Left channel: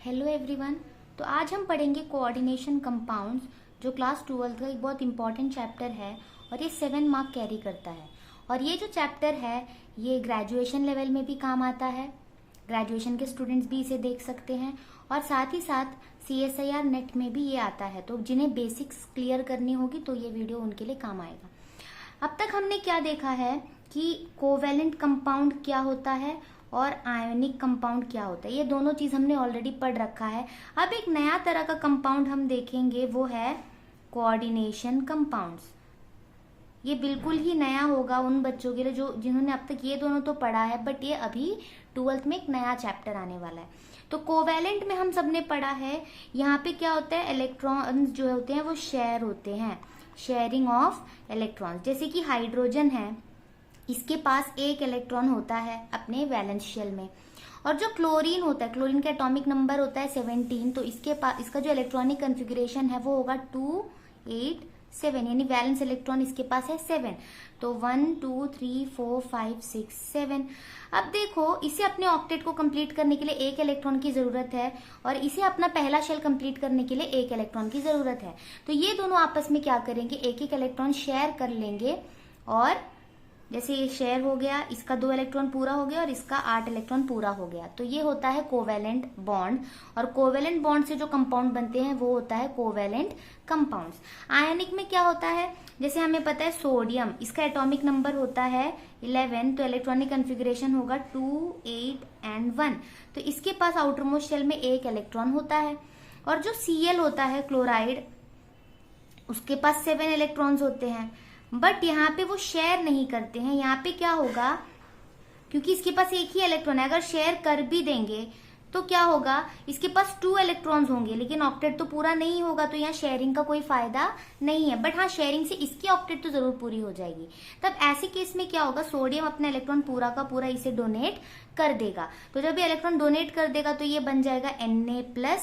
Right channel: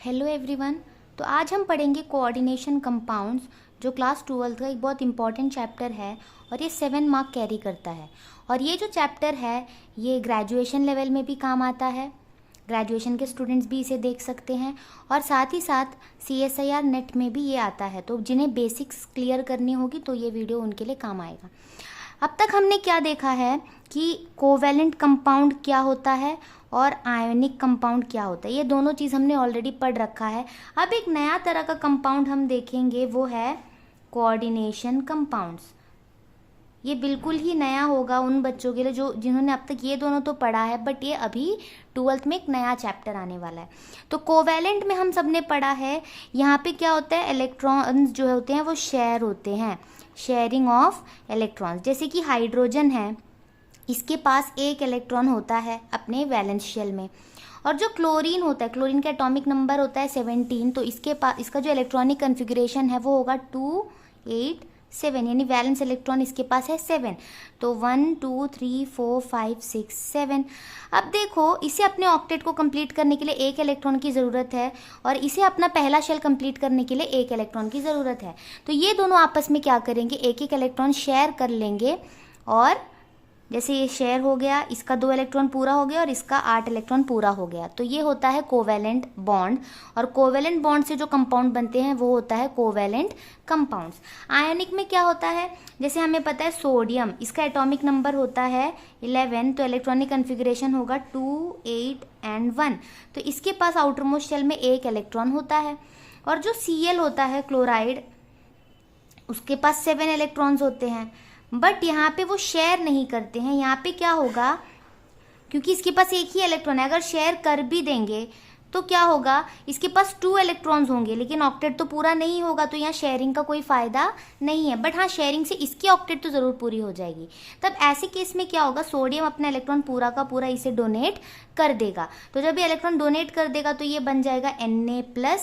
Hello everyone. तो आज हम पढ़ेंगे कोऑर्डिनेशन कंपाउंड्स, जो क्लास 12 का एक बहुत इंपॉर्टेंट चैप्टर है और ये 7 मार्क कैरी करता है। और ये जो चैप्टर है ये ग्रेजुएशन लेवल में भी काम आता है, ग्रेजुएशन के स्टूडेंट्स भी इसे देख सकते हैं और साथ ही साथ CSIR नेट में भी ये आता है। तो जिन्हें बेसिक्स क्लियर करनी होगी तो ये वीडियो उनके लिए काम आएगा। अब तक हमने क्या देखा है कि कोवैलेंट कंपाउंड क्या होता है और आयोनिक कंपाउंड क्या होता है। ये दोनों चीज़ हमने ऑलरेडी पढ़ रखा है। अब एक नया तरह का कंपाउंड हम देखेंगे, वो है कोऑर्डिनेशन कंपाउंड्स। ये बिल्कुल ही नया होगा उन बच्चों के लिए जिन्होंने अब तक ये दोनों तो पढ़ा है, बट ये अभी 12th में एक नया चैप्टर आने वाला है। तो कोवैलेंट में हम सबने पढ़ा है, यहाँ पे क्या होता है, इलेक्ट्रॉन्स जो होते हैं वो शेयर होते हैं, शेयरिंग ऑफ इलेक्ट्रॉन्स। जैसे कि हाइड्रोजन है, इसके पास एक इलेक्ट्रॉन होता है अपने वैलेंस शेल में। और जो क्लोरीन होता है, क्लोरीन का एटॉमिक नंबर होता है 17, तो इसके पास इसका जो इलेक्ट्रॉनिक कन्फिग्रेशन है वो होगा 2 8 7, यानी वैलेंस इलेक्ट्रॉन इसके पास है 7। तो 1 2 3 4 5 6 7। अब देखो, इसे अपने ऑक्टेट को कंप्लीट करने के लिए एक इलेक्ट्रॉन की ज़रूरत है और इसे अपना पहला शेल कंप्लीट करने के लिए एक इलेक्ट्रॉन की ज़रूरत है। तो ये दोनों आपस में क्या करेंगे, एक एक इलेक्ट्रॉन शेयर कर लेंगे। और जैसे ये शेयर हो गया, इसका 2 इलेक्ट्रॉन पूरा हो गया और इसका 8 इलेक्ट्रॉन पूरा हो गया, तो ये होता है कोवैलेंट बॉन्ड। और कोवैलेंट बॉन्ड से जो कंपाउंड बनते हैं वो होता है कोवैलेंट कंपाउंड्स। आयनिक में क्या होता है, जैसे हमें पता है सोडियम, इसका एटॉमिक नंबर होता है 11, तो इलेक्ट्रॉनिक कन्फिग्रेशन होगा 2 8 एंड 1। तो इसके पास आउटर मोस्ट शेल में एक इलेक्ट्रॉन होता है। और जो Cl होता है क्लोराइड, उसके पास 7 इलेक्ट्रॉन्स होते हैं, बट यहाँ पे वो शेयर नहीं करते हैं। यहाँ पे क्या होगा, क्योंकि इसके पास एक ही इलेक्ट्रॉन है, अगर शेयर कर भी देंगे तो क्या होगा, इसके पास 2 इलेक्ट्रॉन्स होंगे लेकिन ऑक्टेट तो पूरा नहीं होगा, तो यहाँ शेयरिंग का कोई फायदा नहीं है। बट हाँ, शेयरिंग से इसकी ऑक्टेट तो जरूर पूरी हो जाएगी। तब ऐसे केस में क्या होगा, सोडियम अपना इलेक्ट्रॉन पूरा का पूरा इसे डोनेट कर देगा। तो जब ये इलेक्ट्रॉन डोनेट कर देगा तो ये बन जाएगा Na+।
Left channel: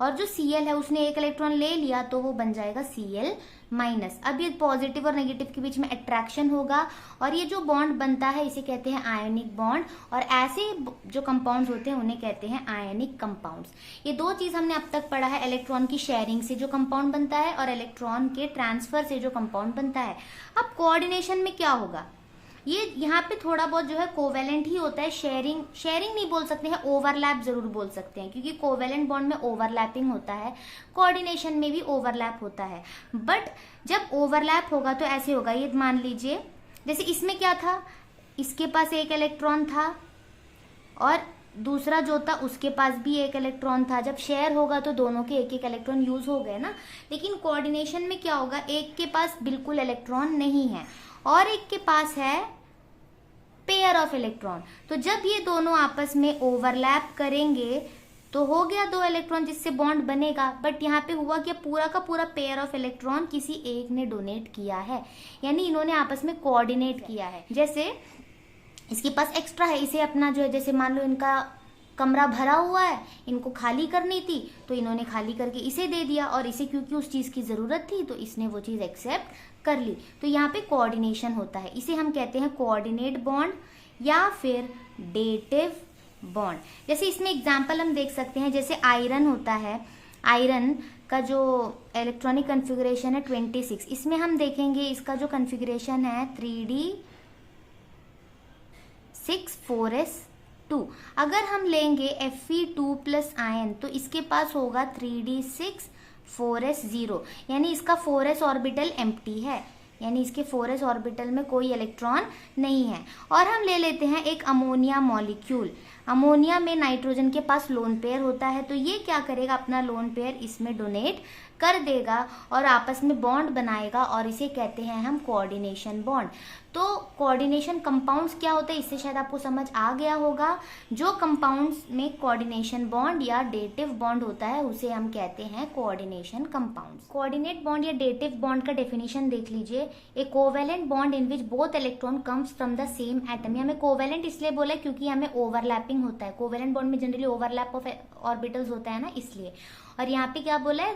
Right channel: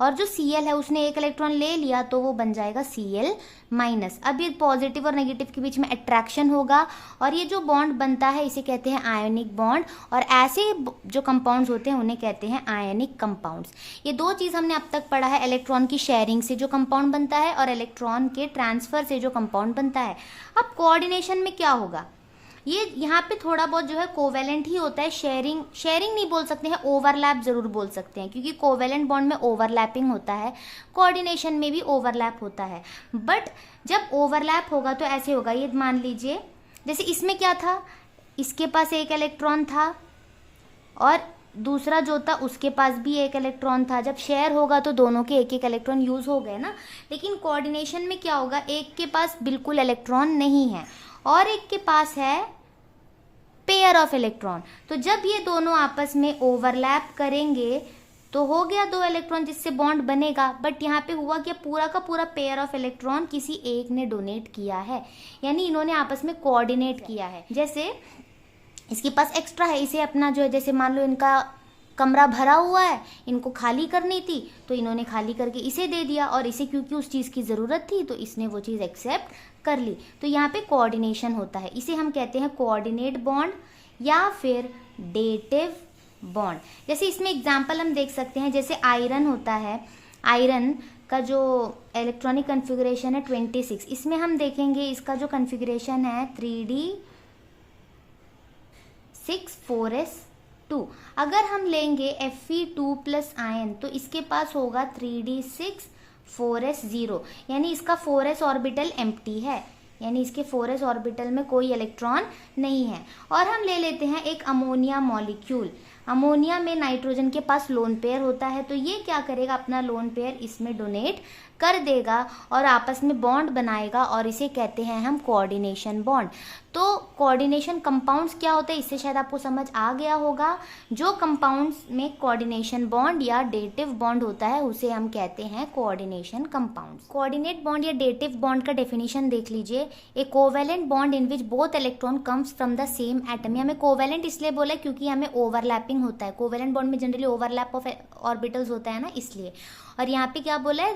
और जो Cl है उसने एक इलेक्ट्रॉन ले लिया तो वो बन जाएगा Cl-। अब ये पॉजिटिव और नेगेटिव के बीच में अट्रैक्शन होगा और ये जो बॉन्ड बनता है इसे कहते हैं आयनिक बॉन्ड। और ऐसे जो कंपाउंड्स होते हैं उन्हें कहते हैं आयनिक कंपाउंड्स। ये दो चीज हमने अब तक पढ़ा है, इलेक्ट्रॉन की शेयरिंग से जो कंपाउंड बनता है और इलेक्ट्रॉन के ट्रांसफर से जो कंपाउंड बनता है। अब कोऑर्डिनेशन में क्या होगा, ये यहाँ पे थोड़ा बहुत जो है कोवैलेंट ही होता है। शेयरिंग नहीं बोल सकते हैं, ओवरलैप जरूर बोल सकते हैं, क्योंकि कोवैलेंट बॉन्ड में ओवरलैपिंग होता है, कोऑर्डिनेशन में भी ओवरलैप होता है। बट जब ओवरलैप होगा तो ऐसे होगा, ये मान लीजिए जैसे इसमें क्या था, इसके पास एक इलेक्ट्रॉन था और दूसरा जो था उसके पास भी एक इलेक्ट्रॉन था। जब शेयर होगा तो दोनों के एक एक इलेक्ट्रॉन यूज हो गए ना। लेकिन कोऑर्डिनेशन में क्या होगा, एक के पास बिल्कुल इलेक्ट्रॉन नहीं है और एक के पास है पेयर ऑफ इलेक्ट्रॉन। तो जब ये दोनों आपस में ओवरलैप करेंगे तो हो गया 2 इलेक्ट्रॉन जिससे बॉन्ड बनेगा। बट यहाँ पे हुआ क्या, पूरा का पूरा पेयर ऑफ इलेक्ट्रॉन किसी एक ने डोनेट किया है, यानी इन्होंने आपस में कोऑर्डिनेट किया है। जैसे इसके पास एक्स्ट्रा है, इसे अपना जो है, जैसे मान लो इनका कमरा भरा हुआ है, इनको खाली करनी थी तो इन्होंने खाली करके इसे दे दिया, और इसे क्योंकि उस चीज की जरूरत थी तो इसने वो चीज एक्सेप्ट कर ली। तो यहाँ पे कोऑर्डिनेशन होता है, इसे हम कहते हैं कोऑर्डिनेट बॉन्ड या फिर डेटिव बॉन्ड। जैसे इसमें एग्जांपल हम देख सकते हैं, जैसे आयरन होता है, आयरन का जो इलेक्ट्रॉनिक कन्फिग्रेशन है 26, इसमें हम देखेंगे इसका जो कन्फिग्रेशन है 3d6 4s2। अगर हम लेंगे Fe2+ आयन तो इसके पास होगा 3d6 4s0, यानी इसका 4s ऑर्बिटल एम्प्टी है, यानी इसके 4s ऑर्बिटल में कोई इलेक्ट्रॉन नहीं है। और हम ले लेते हैं एक अमोनिया मॉलिक्यूल। अमोनिया में नाइट्रोजन के पास लोन पेयर होता है, तो ये क्या करेगा, अपना लोन पेयर इसमें डोनेट कर देगा और आपस में बॉन्ड बनाएगा, और इसे कहते हैं हम कोऑर्डिनेशन बॉन्ड। तो कोऑर्डिनेशन कंपाउंड्स क्या होते हैं, इससे शायद आपको समझ आ गया होगा। जो कंपाउंड्स में कोऑर्डिनेशन बॉन्ड या डेटिव बॉन्ड होता है उसे हम कहते हैं कोऑर्डिनेशन कंपाउंड्स। कोऑर्डिनेट बॉन्ड या डेटिव बॉन्ड का डेफिनेशन देख लीजिए, a covalent bond in which both electron comes from the same atom. हमें कोवैलेंट इसलिए बोला क्योंकि हमें ओवरलैपिंग होता है, कोवैलेंट बॉन्ड में जनरली ओवरलैप ऑफ ऑर्बिटल्स होता है ना, इसलिए। और यहाँ पे क्या बोला है,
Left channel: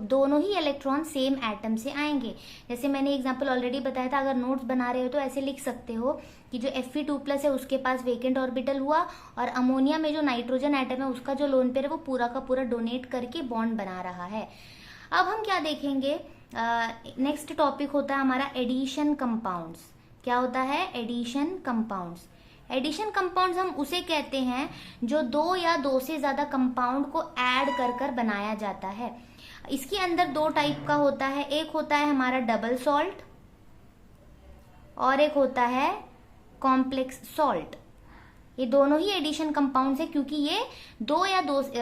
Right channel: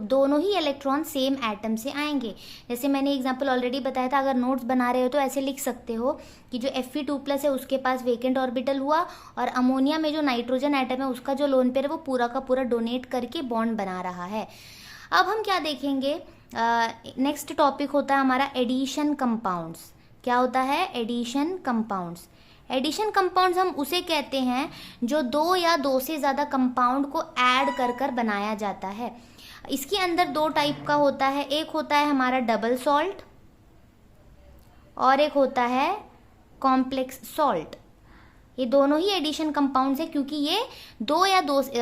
दोनों ही इलेक्ट्रॉन सेम एटम से आएंगे। जैसे मैंने एग्जांपल ऑलरेडी बताया था, अगर नोट्स बना रहे हो तो ऐसे लिख सकते हो कि जो Fe2+ है उसके पास वेकेंट ऑर्बिटल हुआ, और अमोनिया में जो नाइट्रोजन एटम है उसका जो लोन पेयर है वो पूरा का पूरा डोनेट करके बॉन्ड बना रहा है। अब हम क्या देखेंगे, नेक्स्ट टॉपिक होता है हमारा एडिशन कंपाउंड्स। क्या होता है? Addition compounds. एडिशन कंपाउंड्स हम उसे कहते हैं जो दो या दो से ज़्यादा कंपाउंड को ऐड कर कर बनाया जाता है। इसके अंदर दो टाइप का होता है, एक होता है हमारा डबल सॉल्ट और एक होता है कॉम्प्लेक्स सॉल्ट। ये दोनों ही एडिशन कंपाउंड्स है क्योंकि ये दो या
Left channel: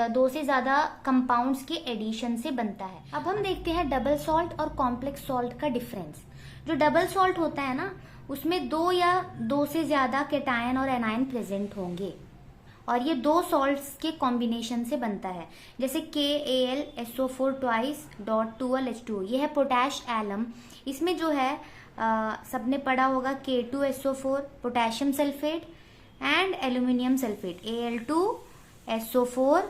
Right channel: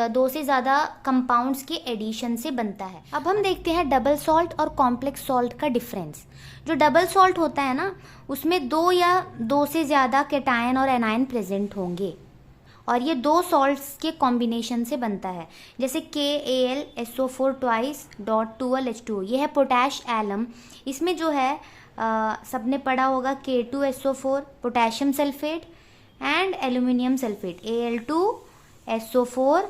दो से ज़्यादा कंपाउंड्स के एडिशन से बनता है। अब हम देखते हैं डबल सॉल्ट और कॉम्प्लेक्स सॉल्ट का डिफरेंस। जो डबल सॉल्ट होता है ना, उसमें दो या दो से ज़्यादा कैटायन और एनायन प्रेजेंट होंगे, और ये दो सॉल्ट्स के कॉम्बिनेशन से बनता है। जैसे KAlSO4 ट्वाइस डॉट 2H2, ये है पोटैश एलम। इसमें जो है सबने पढ़ा होगा K2SO4 potassium sulphate and aluminium sulphate Al2SO4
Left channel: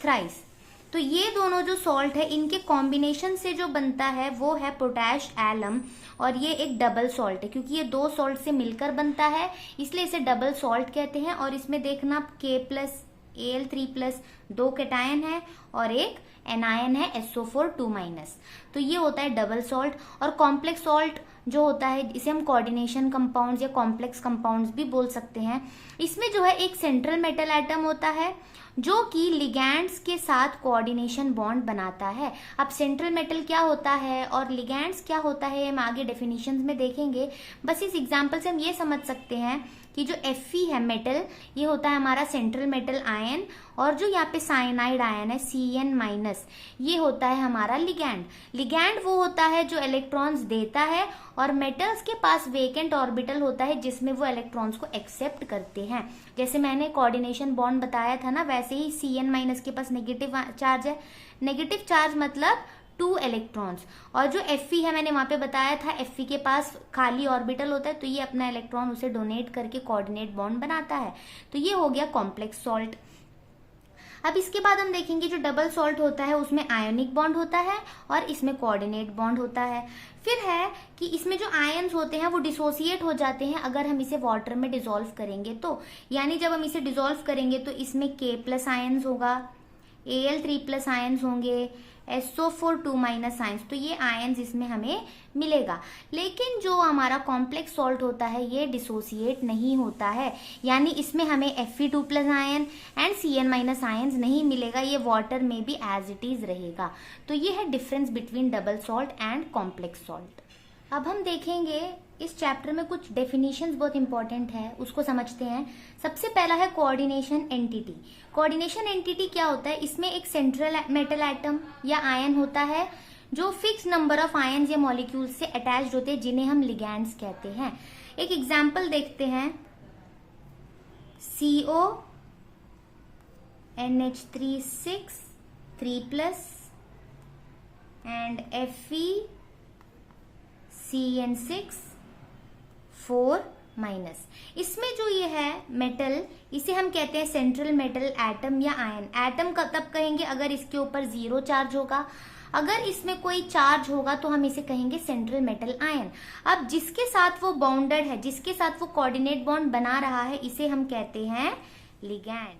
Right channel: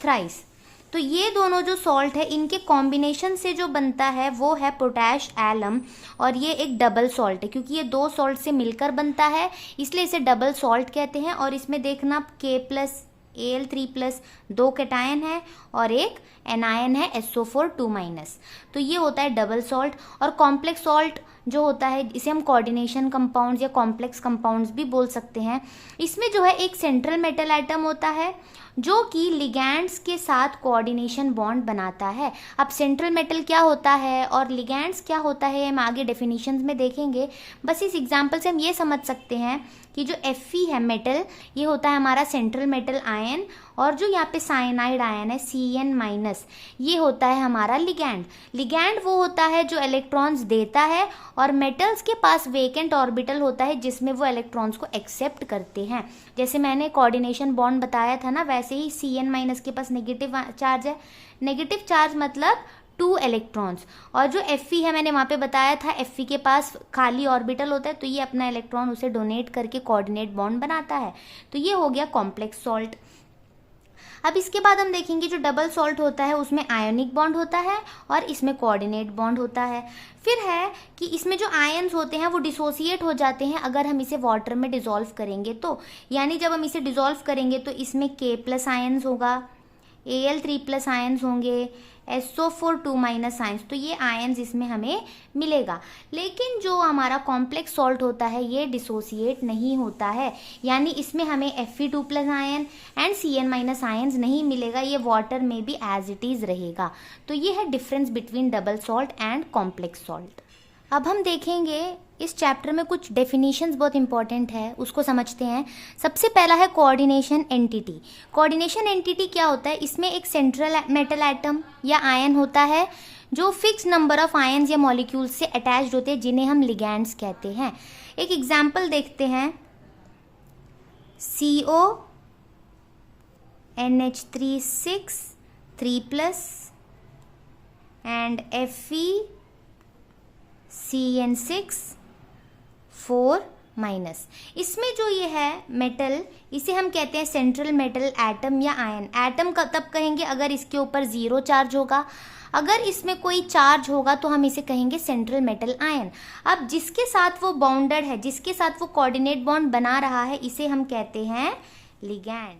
thrice. तो ये दोनों जो सॉल्ट है इनके कॉम्बिनेशन से जो बनता है वो है पोटैश एलम, और ये एक डबल सॉल्ट है क्योंकि ये दो सॉल्ट से मिलकर बनता है, इसलिए इसे डबल सॉल्ट कहते हैं। और इसमें देखना K+Al3+ दो कैटायन है और एक एनायन है SO4 2-। तो ये होता है डबल सॉल्ट। और कॉम्प्लेक्स सॉल्ट जो होता है इसे हम कोऑर्डिनेशन कंपाउंड्स या कॉम्प्लेक्स कंपाउंड्स भी बोल सकते हैं। इसमें जो है एक सेंट्रल मेटल एटम होता है जो कि लिगैंड्स के साथ कोऑर्डिनेशन बॉन्ड बनाता है। अब सेंट्रल मेटल क्या होता है और लिगैंड्स क्या होता है हम आगे डेफिनेशंस में देखेंगे। बस इस एग्जांपल से हम ये समझ सकते हैं कि जो Fe है मेटल, ये होता है हमारा सेंट्रल मेटल आयन, और जो यहाँ पे साइनाइड आयन है Cn-, ये होता है हमारा लिगैंड। लिगैंड वो होता है जो इलेक्ट्रॉन्स देता है, और मेटल्स के पास वेकेंट ऑर्बिटल होता है जिसमें वो इलेक्ट्रॉन्स को एक्सेप्ट करते हैं। जैसे मैंने कोऑर्डिनेशन बॉन्ड बताया था ना, वैसे ही Cn- के पास नेगेटिव चार्ज है। नेगेटिव चार्ज मतलब 2 इलेक्ट्रॉन्स। और जो Fe है मैंने वहाँ पे बताया था, Fe के पास खाली ऑर्बिटल होता है, तो ये अपना इलेक्ट्रॉन उसे डोनेट करके कोऑर्डिनेट बॉन्ड बनाता है। तो ये हो गया कॉम्प्लेक्स सॉल्ट। अब इसके बाद हम देखेंगे जो डबल सॉल्ट होता है उसमें आयोनिक बॉन्ड होता है और इसमें कोऑर्डिनेट बॉन्ड होता है। फिर है कि इसमें जो आयन्स होते हैं वो डिसोसिएट हो जाते हैं अगर हम इसे वाटर में डिसॉल्व करेंगे तो, यानी जब हम इसे डिसॉल्व करेंगे तो इसमें K+ आयन्स होगा, Al3+ आयन्स होंगे, SO4 2- आयन्स, तो ये आयन्स इसमें हमें मिलेगा। लेकिन जो हमारा कॉम्प्लेक्स सॉल्ट होता है ये डिसोसिएट नहीं होता है, यानी इसमें हमें Fe2+ ion and Cn- ions नहीं मिलेगा, ये वाटर में भी एज इट इज रहेगा। तो ये है difference between double salt and complex salt. अब हम देखेंगे इस चैप्टर में कुछ डेफिनेशंस बहुत इंपॉर्टेंट है, उसको समझते हैं। सबसे पहला है कोऑर्डिनेशन एंटिटी। कोऑर्डिनेशन एंटिटी क्या होता है? इसमें एक सेंट्रल मेटल एटम या आयन होता है जो फिक्स नंबर ऑफ आयन्स या मॉलिक्यूल्स से अटैच्ड होते हैं जिन्हें हम लिगैंड्स कहते हैं। एक एग्जाम्पल देखते हैं, CO NH3 6 3+ and Fe CN6 4-। इसमें जो ये है मेटल, इसे हम कहते हैं सेंट्रल मेटल एटम या आयन। एटम का तब कहेंगे अगर इसके ऊपर 0 चार्ज होगा, अगर इसमें कोई चार्ज होगा तो हम इसे कहेंगे सेंट्रल मेटल आयन। अब जिसके साथ वो बाउंडेड है, जिसके साथ वो कोऑर्डिनेट बॉन्ड बना रहा है, इसे हम कहते हैं लिगैंड।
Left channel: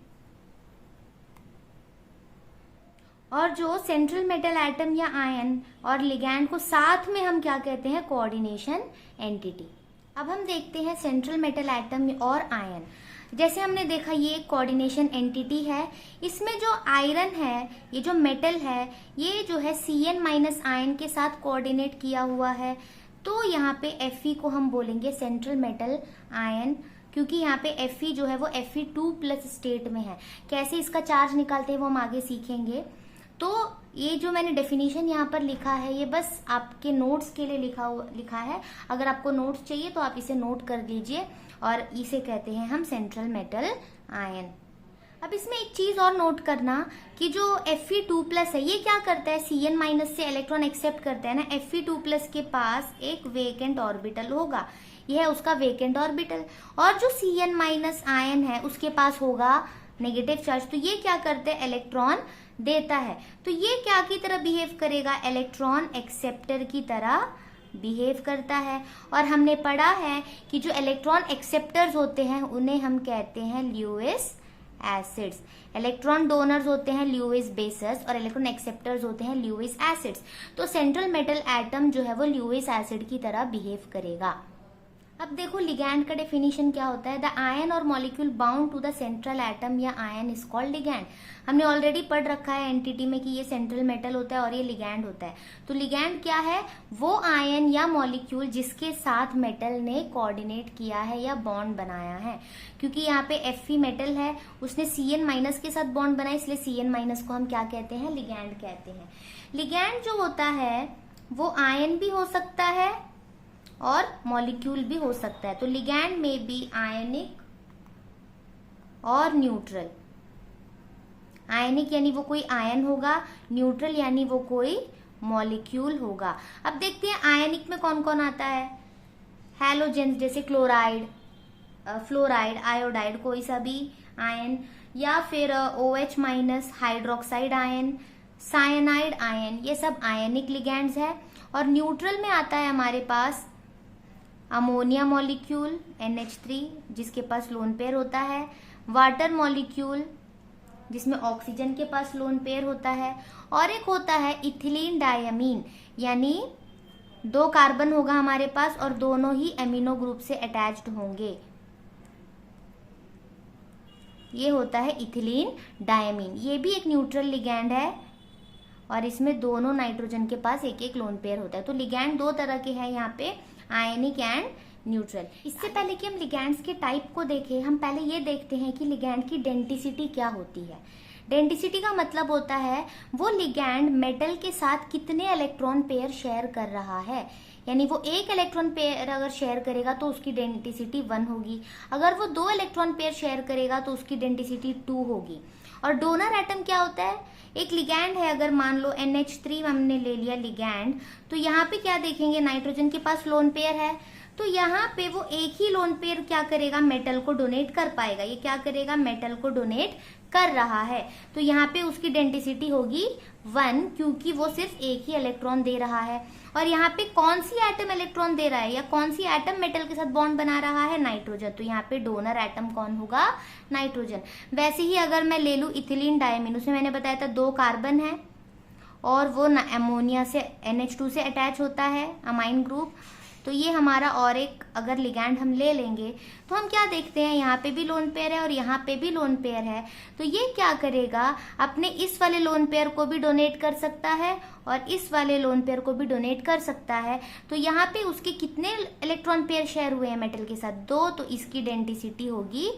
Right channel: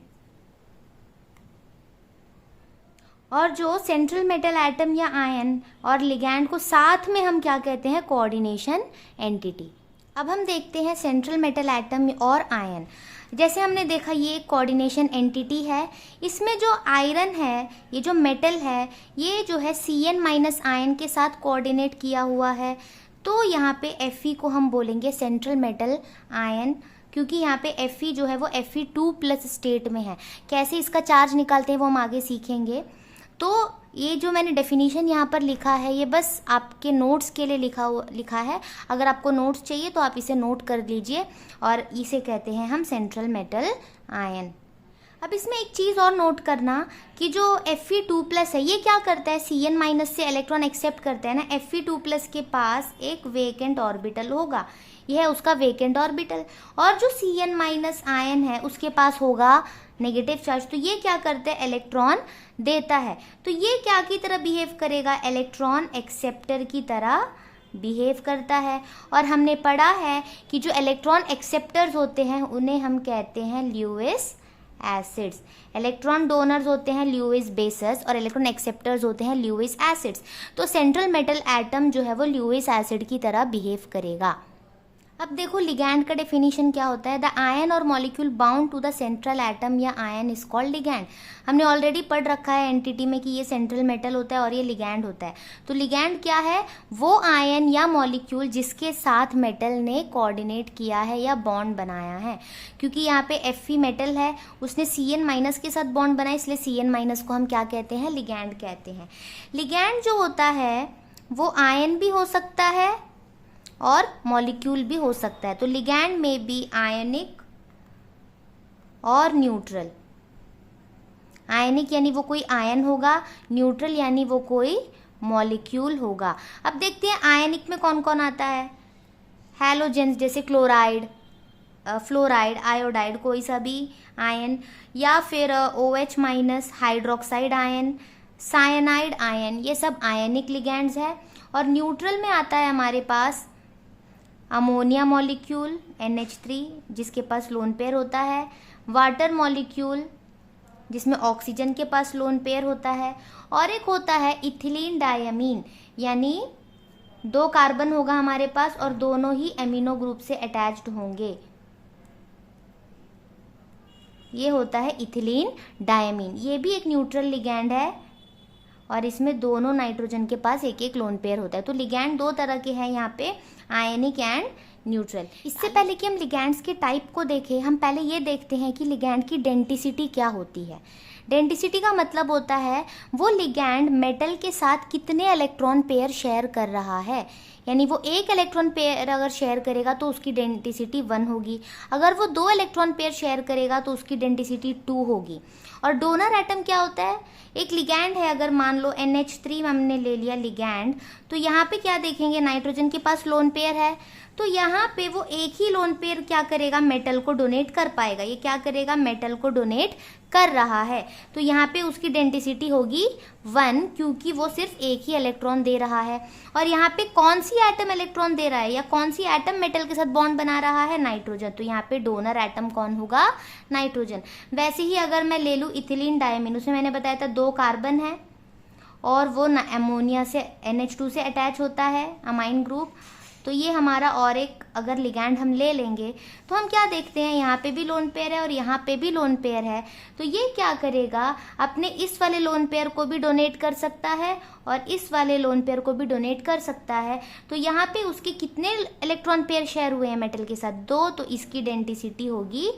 और जो सेंट्रल मेटल एटम या आयन और लिगैंड को साथ में हम क्या कहते हैं? Coordination entity. अब हम देखते हैं सेंट्रल मेटल एटम और आयन। जैसे हमने देखा ये एक कोऑर्डिनेशन एंटिटी है, इसमें जो आयरन है, ये जो मेटल है, ये जो है Cn- आयन के साथ कोऑर्डिनेट किया हुआ है, तो यहाँ पे Fe को हम बोलेंगे सेंट्रल मेटल आयन, क्योंकि यहाँ पे Fe जो है वो Fe2+ स्टेट में है। कैसे इसका चार्ज निकालते हैं वो हम आगे सीखेंगे। तो ये जो मैंने डेफिनेशन यहाँ पर लिखा है ये बस आपके नोट्स के लिए लिखा है। अगर आपको नोट्स चाहिए तो आप इसे नोट कर लीजिए, और इसे कहते हैं हम सेंट्रल मेटल आयन। अब इसमें एक चीज़ और नोट करना कि जो Fe2+ है ये क्या करता है? Cn- से इलेक्ट्रॉन एक्सेप्ट करता है ना। Fe2+ के पास एक वेकेंट ऑर्बिटल होगा, यह है उसका वेकेंट ऑर्बिटल, और जो Cn- आयन है उसके पास होगा नेगेटिव चार्ज। तो ये क्या करते हैं? इलेक्ट्रॉन देता है। तो ये क्या की तरह बिहेव करेगा, इलेक्ट्रॉन एक्सेप्टर की तरह बिहेव करता है। और हमने पढ़ा है कि जो इलेक्ट्रॉन एक्सेप्टर्स होते हैं उन्हें हम कहते हैं ल्यूइस एसिड्स, इलेक्ट्रॉन डोनर्स होते हैं ल्यूइस बेसेस और इलेक्ट्रॉन एक्सेप्टर्स होते हैं ल्यूइस एसिड्स। तो सेंट्रल मेटल एटम जो है वो ल्यूइस एसिड की तरह बिहेव करेगा। अब देखो लिगैंड का डेफिनेशन क्या होता है, द आयन और molecule bound to the central atom या आयन इज कॉल्ड लिगैंड। हमने ऑलरेडी पढ़ रखा है एनटीटी में कि ये सेंट्रल मेटल होता है और ये लिगैंड होता है। तो लिगैंड क्या है, वो आयन या मॉलिक्यूल जिसके साथ मेटल ने कोऑर्डिनेट किया है या बॉन्ड बनाया है। क्योंकि यहाँ पे Fe मेटल है, उसने Cn- के साथ बॉन्ड बनाया, इसलिए Cn- को हम क्या कहते हैं, लिगैंड कहते हैं। लिगैंड जो होता है वो आयन भी हो सकता है और मॉलिक्यूल भी हो सकता है। तो लिगैंड में भी आयनिक और न्यूट्रल, आयनिक यानी वो कोई आयन होगा, न्यूट्रल यानी वो कोई मॉलिक्यूल होगा। अब देखते हैं आयनिक में कौन कौन आता है, हैलोजेंस जैसे क्लोराइड, फ्लोराइड, आयोडाइड, कोई सा भी आयन, या फिर OH- hydroxide ion, cyanide ion, ये सब आयनिक लिगैंड्स है। और न्यूट्रल में आता है हमारे पास अमोनिया मॉलिक्यूल NH3 जिसके पास लोन पेयर होता है, वाटर मॉलिक्यूल जिसमें ऑक्सीजन के पास लोन पेयर होता है, और एक होता है इथिलीन डायमीन यानी 2 कार्बन होगा हमारे पास और दोनों ही एमिनो ग्रुप से अटैच्ड होंगे, ये होता है इथिलीन डायमीन। ये भी एक न्यूट्रल लिगैंड है और इसमें दोनों नाइट्रोजन के पास एक एक लोन पेयर होता है। तो लिगैंड 2 तरह के हैं यहाँ पे, आयनिक एंड न्यूट्रल। इससे पहले कि हम लिगैंड्स के टाइप को देखें, हम पहले ये देखते हैं कि लिगैंड की डेंसिटी क्या होती है। डेंसिटी का मतलब होता है वो लिगैंड मेटल के साथ कितने इलेक्ट्रॉन पेयर शेयर कर रहा है। यानी वो 1 इलेक्ट्रॉन पेयर अगर शेयर करेगा तो उसकी डेंसिटी 1 होगी, अगर वो 2 इलेक्ट्रॉन पेयर शेयर करेगा तो उसकी डेंसिटी 2 होगी। और डोनर एटम क्या होता है, एक लिगैंड है, अगर मान लो NH3 हमने ले लिया लिगैंड, तो यहाँ पे क्या देखेंगे, नाइट्रोजन के पास लोन पेयर है, तो यहाँ पे वो एक ही लोन पेयर क्या करेगा, मेटल को डोनेट कर पाएगा। ये क्या करेगा, मेटल को डोनेट कर रहा है, तो यहाँ पे उसकी डेंसिटी होगी 1 क्योंकि वो सिर्फ एक ही इलेक्ट्रॉन दे रहा है। और यहाँ पे कौन सी एटम इलेक्ट्रॉन दे रहा है या कौन सी एटम मेटल के साथ बॉन्ड बना रहा है, नाइट्रोजन। तो यहाँ पे डोनर एटम कौन होगा, नाइट्रोजन। वैसे ही अगर मैं ले लूँ इथिलीन डायमीन, उसमें मैंने बताया था 2 कार्बन है और वो अमोनिया से NH2 से अटैच होता है, अमाइन ग्रुप। तो ये हमारा और एक अगर लिगैंड हम ले लेंगे तो हम क्या देखते हैं, यहाँ पे भी लोन पेयर है और यहाँ पे भी लोन पेयर है। तो ये क्या करेगा, अपने इस वाले लोन पेयर को भी डोनेट कर सकता है और इस वाले लोन पेयर को भी डोनेट कर सकता है। तो यहाँ पे उसके कितने इलेक्ट्रॉन पेयर शेयर हुए हैं मेटल के साथ, 2, तो इसकी डेंसिटी होगी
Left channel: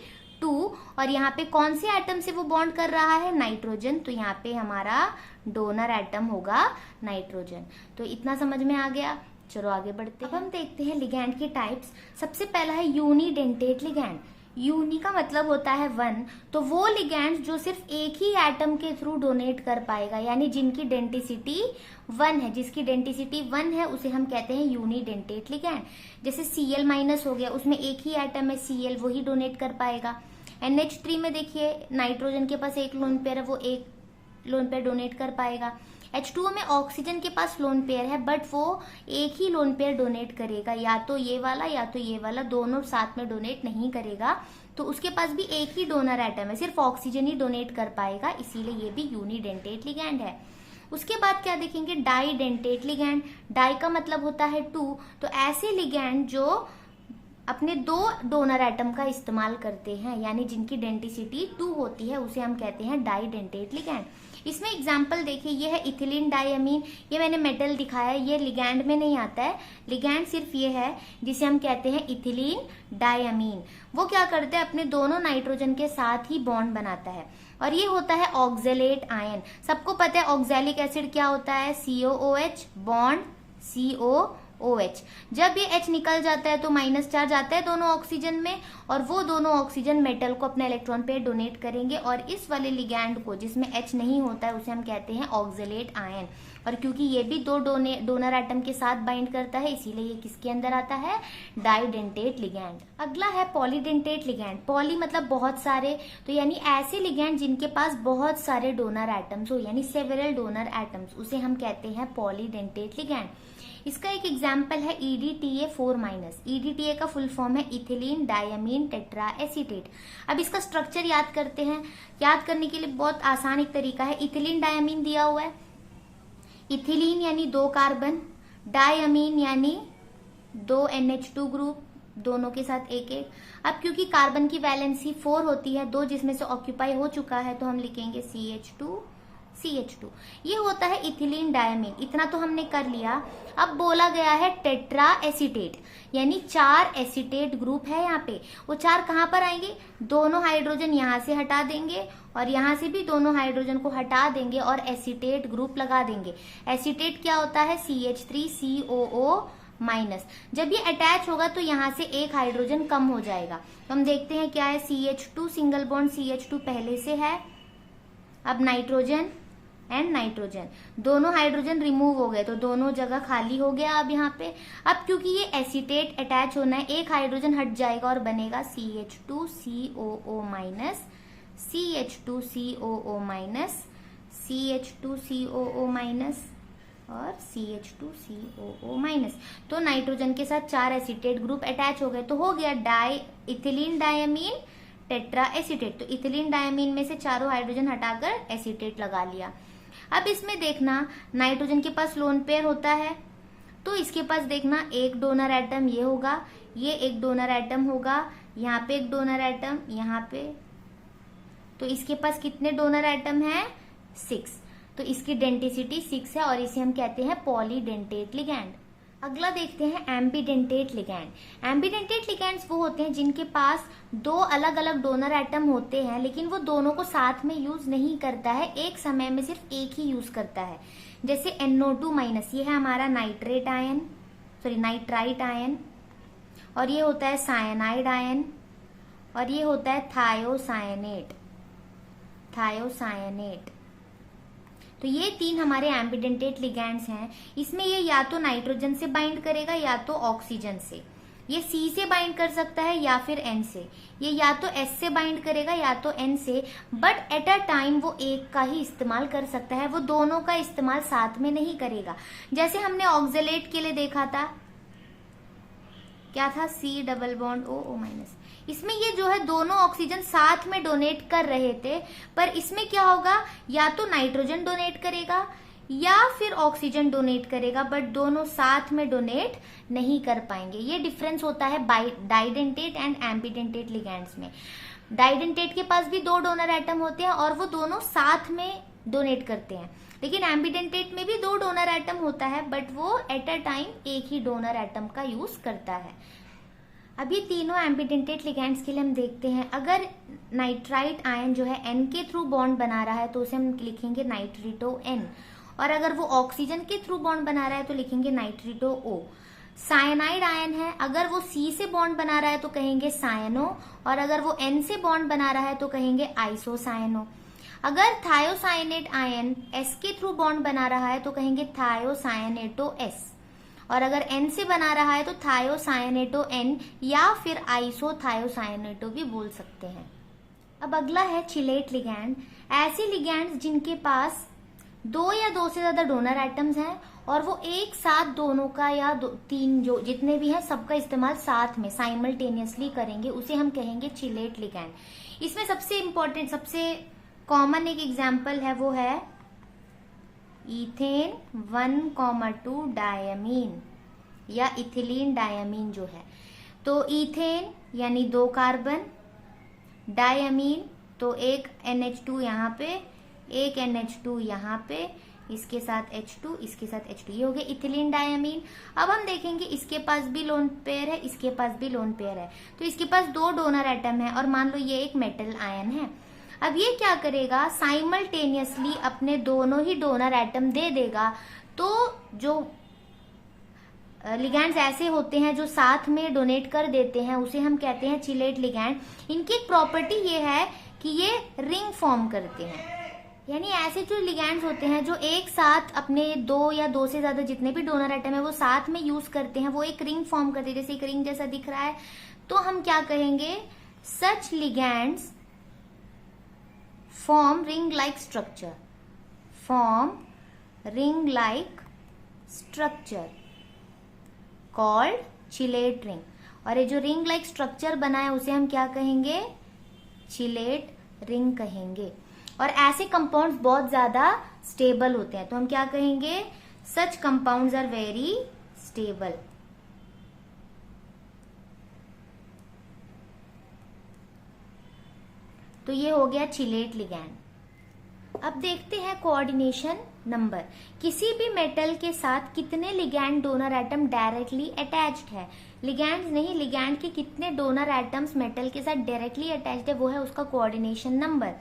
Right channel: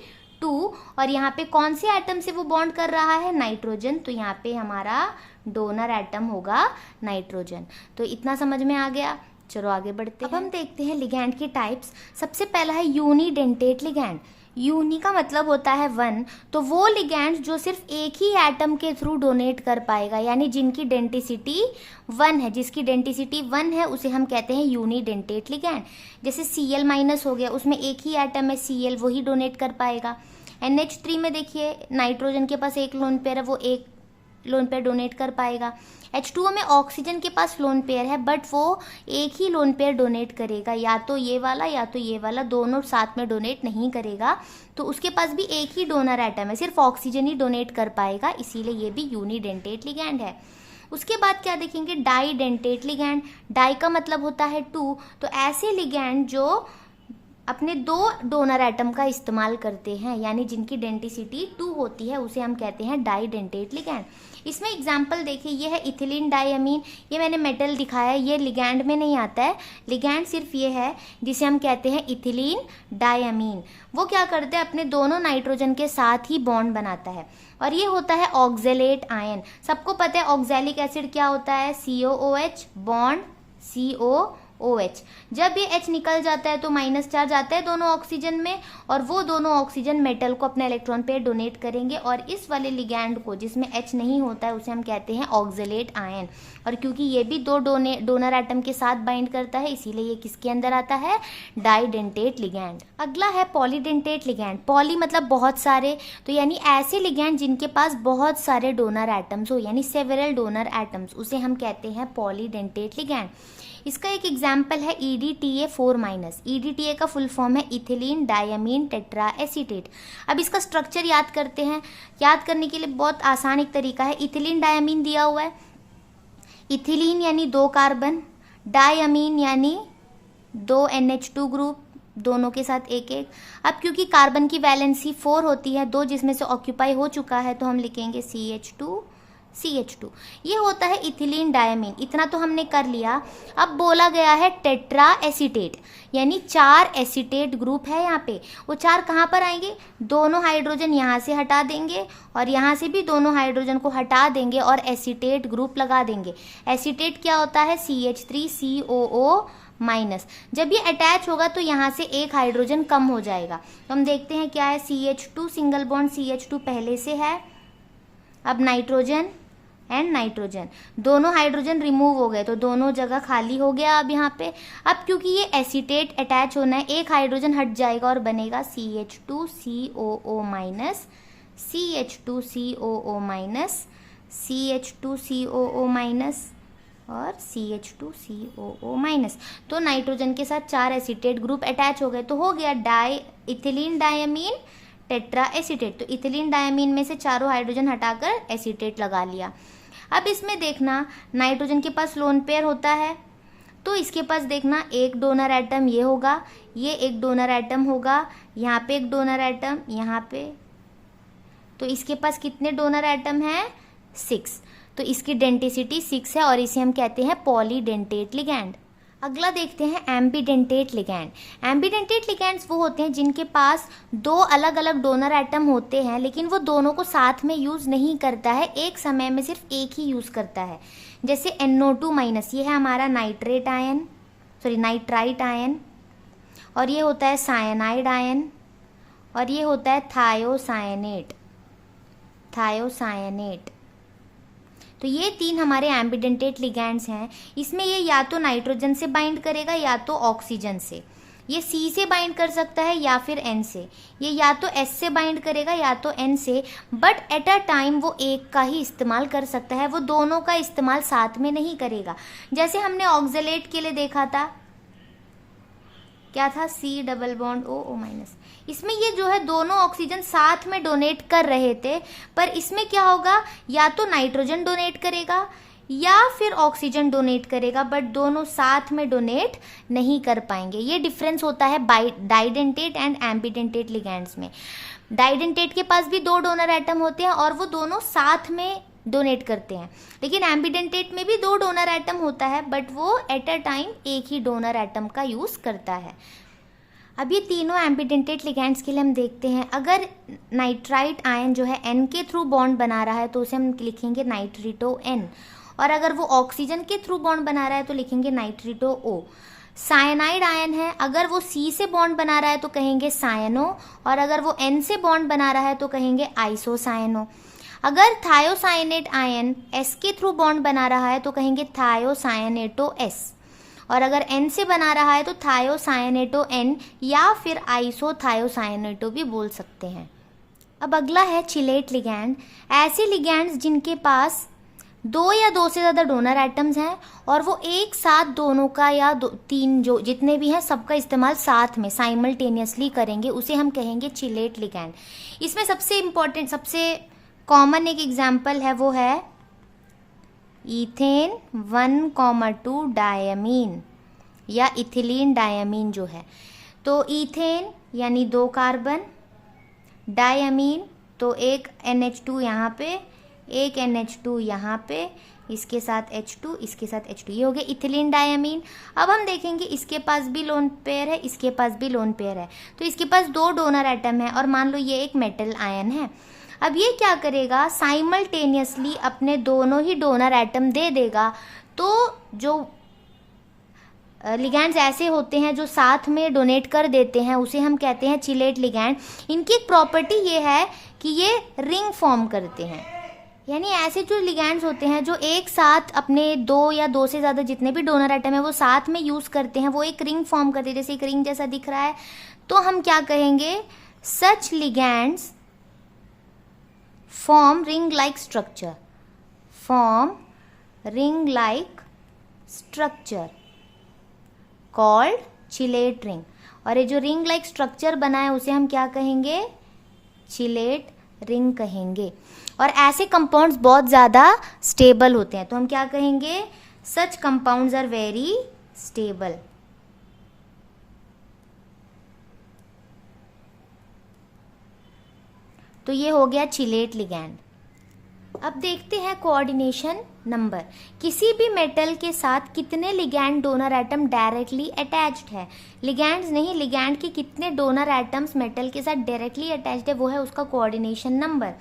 2। और यहाँ पे कौन से एटम से वो बॉन्ड कर रहा है, नाइट्रोजन, तो यहाँ पे हमारा डोनर एटम होगा नाइट्रोजन। तो इतना समझ में आ गया। चलो आगे बढ़ते हैं। अब हम देखते हैं लिगैंड की टाइप्स। सबसे पहला है यूनिडेंटेट लिगैंड। यूनि का मतलब होता है 1, तो वो लिगैंड जो सिर्फ एक ही एटम के थ्रू डोनेट कर पाएगा, यानी जिनकी डेंसिटी 1 है, जिसकी डेंसिटी 1 है उसे हम कहते हैं यूनिडेंटेट लिगैंड। जैसे Cl- हो गया, उसमें एक ही एटम है Cl, वही डोनेट कर पाएगा। NH3 में देखिए नाइट्रोजन के पास एक लोन पेयर है, वो एक लोन पेयर डोनेट कर पाएगा। H2O में ऑक्सीजन के पास लोन पेयर है बट वो एक ही लोन पेयर डोनेट करेगा, या तो ये वाला या तो ये वाला, दोनों साथ में डोनेट नहीं करेगा। तो उसके पास भी एक ही डोनर एटम है, सिर्फ ऑक्सीजन ही डोनेट कर पाएगा, इसीलिए ये भी यूनिडेंटेट लिगैंड है। उसके बाद क्या देखेंगे, डाईडेंटेट लिगैंड। डाई का मतलब होता है 2, तो ऐसे लिगैंड जो अपने 2 डोनर एटम का इस्तेमाल करते हैं, यानी जिनकी डेंसिटी 2 होती है, उसे हम कहते हैं डाईडेंटेट लिगैंड। इसमें एग्जाम्पल देखिए, ये है इथिलीन डायमीन, ये मैंने मेटल दिखाया है, ये लिगैंड में नहीं आता है। लिगैंड सिर्फ ये है जिसे हम कहते हैं इथिलीन डायमीन। वो क्या करते हैं, अपने दोनों नाइट्रोजन के साथ ही बॉन्ड बनाता है। और ये होता है ऑक्जेलेट आयन। सबको पता है ऑक्जेलिक एसिड क्या होता है, COOH बॉन्ड CO OH। जब ये H निकल जाता है तो माइनस चार्ज आता है दोनों ऑक्सीजन में, और वो दोनों ऑक्सीजन मेटल को अपने इलेक्ट्रॉन पेयर डोनेट करेंगे, और इस वाले लिगैंड को जिसमें H नहीं होता है उसे हम कहते हैं ऑक्जेलेट आयन। और क्योंकि ये भी दो डोनर एटम के साथ बाइंड करता है, इसीलिए ये किसके अंदर आता है, डाइडेंटेट लिगैंड। अगला है पॉलीडेंटेट लिगैंड। पॉली मतलब बहुत सारे, तो यानी ऐसे लिगैंड जिनके पास बहुत सारे डोनर एटम्स हो, यानी सेवरल डोनर एटम्स, उसे हम कहते हैं पॉलीडेंटेट लिगैंड। इसका एक एग्जाम्पल है EDTA4-। EDTA का फुल फॉर्म है इथिलीन डायमीन टेट्रा एसीटेट। अब इसका स्ट्रक्चर याद करते हैं। याद करने के लिए बहुत आसान एक तरीका है। इथिलीन डायमीन दिया हुआ है, इथिलीन यानी 2 कार्बन, डायमीन यानी 2 NH2 ग्रुप, दोनों के साथ एक एक। अब क्योंकि कार्बन की वैलेंसी 4 होती है, 2 जिसमें से ऑक्यूपाई हो चुका है, तो हम लिखेंगे CH2। ये होता है इथिलीन डायमीन। इतना तो हमने कर लिया। अब बोला गया है टेट्रा एसीटेट, यानी 4 एसीटेट ग्रुप है यहाँ पे। वो 4 कहाँ पर आएंगे, दोनों हाइड्रोजन यहाँ से हटा देंगे और यहाँ से भी दोनों हाइड्रोजन को हटा देंगे और एसीटेट ग्रुप लगा देंगे। एसीटेट क्या होता है, CH3COO-। जब ये अटैच होगा तो यहाँ से एक हाइड्रोजन कम हो जाएगा। तो हम देखते हैं क्या है, CH2 सिंगल बॉन्ड CH2 पहले से है। अब नाइट्रोजन एंड नाइट्रोजन, दोनों हाइड्रोजन रिमूव हो गए तो दोनों जगह खाली हो गया। अब यहाँ पे अब क्योंकि ये एसीटेट अटैच होना है, एक हाइड्रोजन हट जाएगा और बनेगा CH2COO-, CH2COO-, CH2COO- और CH2COO-। तो नाइट्रोजन के साथ 4 एसीटेट ग्रुप अटैच हो गए, तो हो गया इथिलीन डायमीन टेट्रा एसीटेट। तो इथिलीन डायमीन में से चारों हाइड्रोजन हटाकर एसीटेट लगा लिया। अब इसमें देखना, नाइट्रोजन के पास लोन पेयर होता है, तो इसके पास देखना एक डोनर एटम ये होगा, ये एक डोनर एटम होगा, यहाँ पे एक डोनर एटम, यहाँ पे। तो इसके पास कितने डोनर एटम हैं, 6। तो इसकी डेंटिसिटी 6 है और इसे हम कहते हैं पॉलीडेंटेट लिगैंड। अगला देखते हैं एम्बीडेंटेट लिगैंड। एम्बीडेंटेट लिगैंड्स वो होते हैं जिनके पास 2 अलग अलग डोनर एटम होते हैं, लेकिन वो दोनों को साथ में यूज नहीं करता है, एक समय में सिर्फ एक ही यूज करता है। जैसे NO2-, ये है हमारा नाइट्राइट आयन, और ये होता है साइनाइड आयन, और ये होता है थायोसायनेट। तो ये 3 हमारे एम्बीडेंटेट लिगैंड्स हैं। इसमें ये या तो नाइट्रोजन से बाइंड करेगा या तो ऑक्सीजन से। ये C से बाइंड कर सकता है या फिर N से। ये या तो S से बाइंड करेगा या तो N से, बट एट अ टाइम वो एक का ही इस्तेमाल कर सकता है, वो दोनों का इस्तेमाल साथ में नहीं करेगा। जैसे हमने ऑक्जेलेट के लिए देखा था, क्या था, C++OO-। इसमें ये जो है दोनों ऑक्सीजन साथ में डोनेट कर रहे थे, पर इसमें क्या होगा, या तो नाइट्रोजन डोनेट करेगा या फिर ऑक्सीजन डोनेट करेगा, बट दोनों साथ में डोनेट नहीं कर पाएंगे। ये डिफरेंस होता है डाइडेंटेट एंड एम्बीडेंटेट लिगैंड्स में। डाइडेंटेट के पास भी 2 डोनर एटम होते हैं और वो दोनों साथ में डोनेट करते हैं, लेकिन एम्बीडेंटेट में भी 2 डोनर एटम होता है, बट वो एट अ टाइम एक ही डोनर एटम का यूज करता है। अब ये तीनों एम्बीडेंटेट लिगैंड्स के लिए हम देखते हैं। अगर नाइट्राइट आयन जो है N के थ्रू बॉन्ड बना रहा है तो उसे हम लिखेंगे नाइट्रिटो N, और अगर वो ऑक्सीजन के थ्रू बॉन्ड बना रहा है तो लिखेंगे नाइट्रिटो O। साइनाइड आयन है, अगर वो C से बॉन्ड बना रहा है तो कहेंगे सायनो, और अगर वो N से बॉन्ड बना रहा है तो कहेंगे आइसोसायनो। अगर थायोसायनेट आयन S के थ्रू बॉन्ड बना रहा है तो कहेंगे थायोसायनेटो S, और अगर N से बना रहा है तो थायोसायनेटो N या फिर आइसोथायोसायनेटो भी बोल सकते हैं। अब अगला है चिलेट लिगैंड। ऐसे लिगैंड्स जिनके पास 2 या 2 से ज़्यादा डोनर एटम्स हैं और वो एक साथ दोनों का या 3 जो जितने भी हैं सबका इस्तेमाल साथ में साइमल्टेनियसली करेंगे, उसे हम कहेंगे चिलेट लिगैंड। इसमें सबसे इम्पॉर्टेंट, सबसे कॉमन एक एग्जाम्पल है, वो है ईथेन 1,2 डायमीन या इथिलीन डायमीन जो है। तो ईथेन यानी 2 कार्बन, डायमीन तो एक NH2 यहाँ पे, एक NH2 यहाँ पे, इसके साथ H2, इसके साथ H2, ये हो गया इथिलीन डायमीन। अब हम देखेंगे इसके पास भी लोन पेयर है, इसके पास भी लोन पेयर है, तो इसके पास 2 डोनर एटम है और मान लो ये एक मेटल आयन है। अब ये क्या करेगा, साइमल्टेनियसली अपने दोनों ही डोनर एटम दे देगा, तो जो लिगैंड्स ऐसे होते हैं जो साथ में डोनेट कर देते हैं, उसे हम कहते हैं चिलेट लिगैंड। इनकी एक प्रॉपर्टी ये है कि ये रिंग फॉर्म करते हैं, यानी ऐसे जो लिगैंड्स होते हैं जो एक साथ अपने 2 या 2 से ज़्यादा जितने भी डोनर एटम है वो साथ में यूज़ करते हैं, वो एक रिंग फॉर्म करते हैं, जैसे एक रिंग जैसा दिख रहा है। तो हम क्या कहेंगे, such ligands form ring like structure, form ring like structure called chelate ring. और ये जो रिंग लाइक स्ट्रक्चर बना है उसे हम क्या कहेंगे, चिलेट रिंग कहेंगे। और ऐसे कंपाउंड्स बहुत ज़्यादा स्टेबल होते हैं, तो हम क्या कहेंगे, सच कंपाउंड्स आर वेरी स्टेबल। तो ये हो गया चिलेट लिगैंड। अब देखते हैं कोऑर्डिनेशन नंबर। किसी भी मेटल के साथ कितने ligand donor atom directly attached है, लिगैंड्स नहीं, लिगैंड के कितने डोनर एटम्स मेटल के साथ डायरेक्टली अटैच्ड है, वो है उसका कोऑर्डिनेशन नंबर।